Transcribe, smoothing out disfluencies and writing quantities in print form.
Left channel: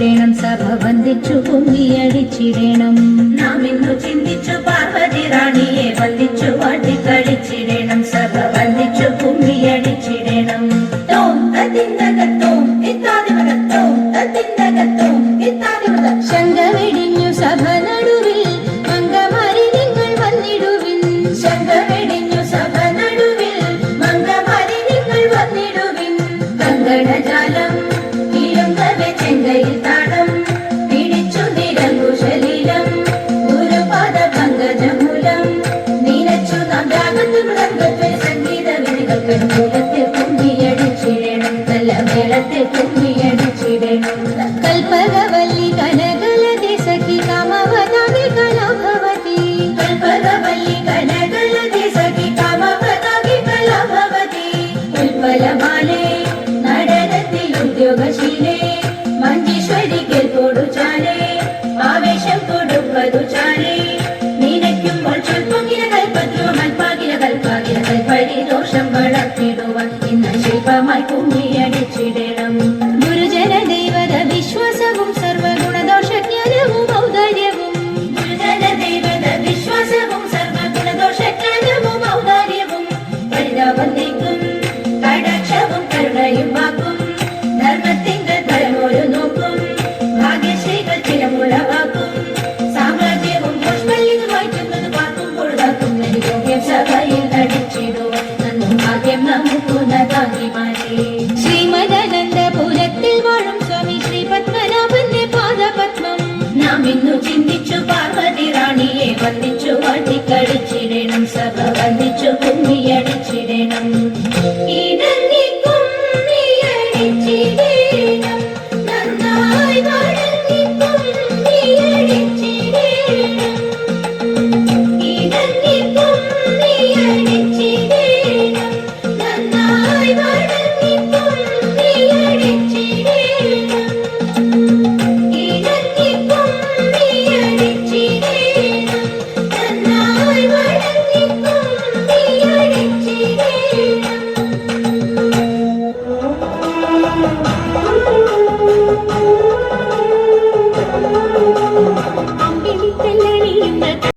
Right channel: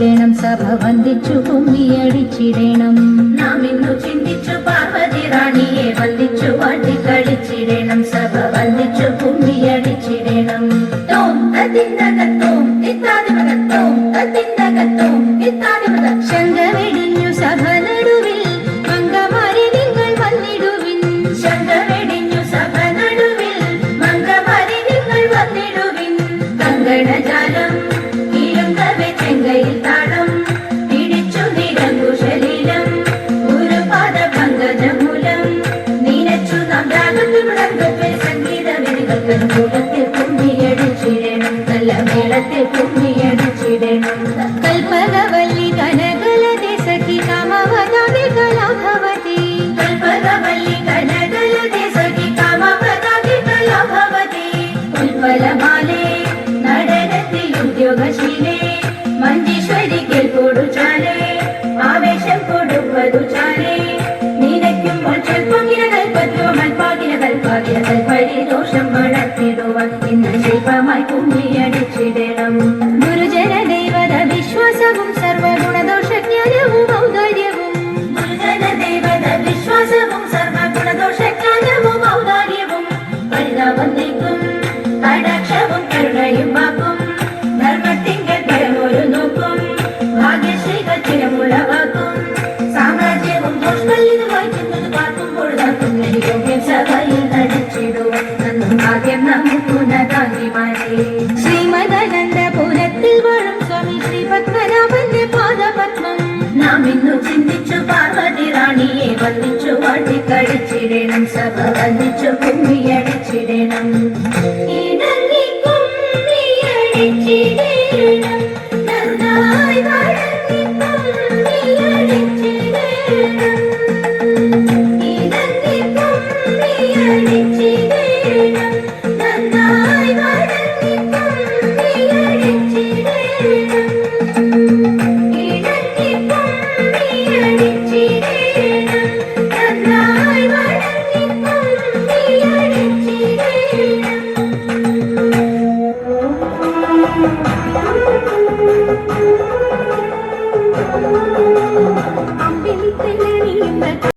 കളിച്ചിടണം സഭ വന്ദിച്ചു കുമ്മിയടിച്ചിടണം നാം ഇന്നു ചിന്തിച്ചു പാർവതി റാണിയെ വന്ദിച്ചു വാട്ടി കളിച്ചിടണം സഭ വന്ദിച്ചു കുമ്മിയടിച്ചിടണം തോം തതിന്നകത്തോം ഇത്താദിമകത്തോം തതിന്നകത്തോം ഇത്താദിമക ശംഖമെടിഞ്ഞു സഭ നടുവിൽ മംഗമാരി നിങ്ങൾ വന്നിടുവിൻ ശംഖമെടിഞ്ഞു സഭ നടുവിൽ മംഗമാരി നിങ്ങൾ വന്നിടുവിൻ കങ്കണജാലം ഇരുങ്കവെ ചെങ്കയിൽ താളം പിടിച്ചു നിരങ്കുശലീലം ഗുരുപാദ പങ്കജമൂലം നീനച്ചു നാം രാഗത്തിൽ മൃദംഗത്തിൽ സംഗീത വിധികൾ മൂലത്തിൽ കുമ്മിയടിച്ചിടണം നല്ല മേളത്തിൽ കുമ്മിയടിച്ചിടണം കൽപ്പകവല്ലി കനകലതി സഖി കാമവതാതി കലാഭവതി കൽപ്പകവല്ലി കനകലതി സഖി കാമവതാതി കലാഭവതി ഉൽപ്പലമാലേ നടനത്തിൽ ഉദ്യോഗശീലേ മഞ്ജീശ്വരി കേൾപ്പോടു ചാലേ ആവേശം കൊടുപ്പതു ചാലേ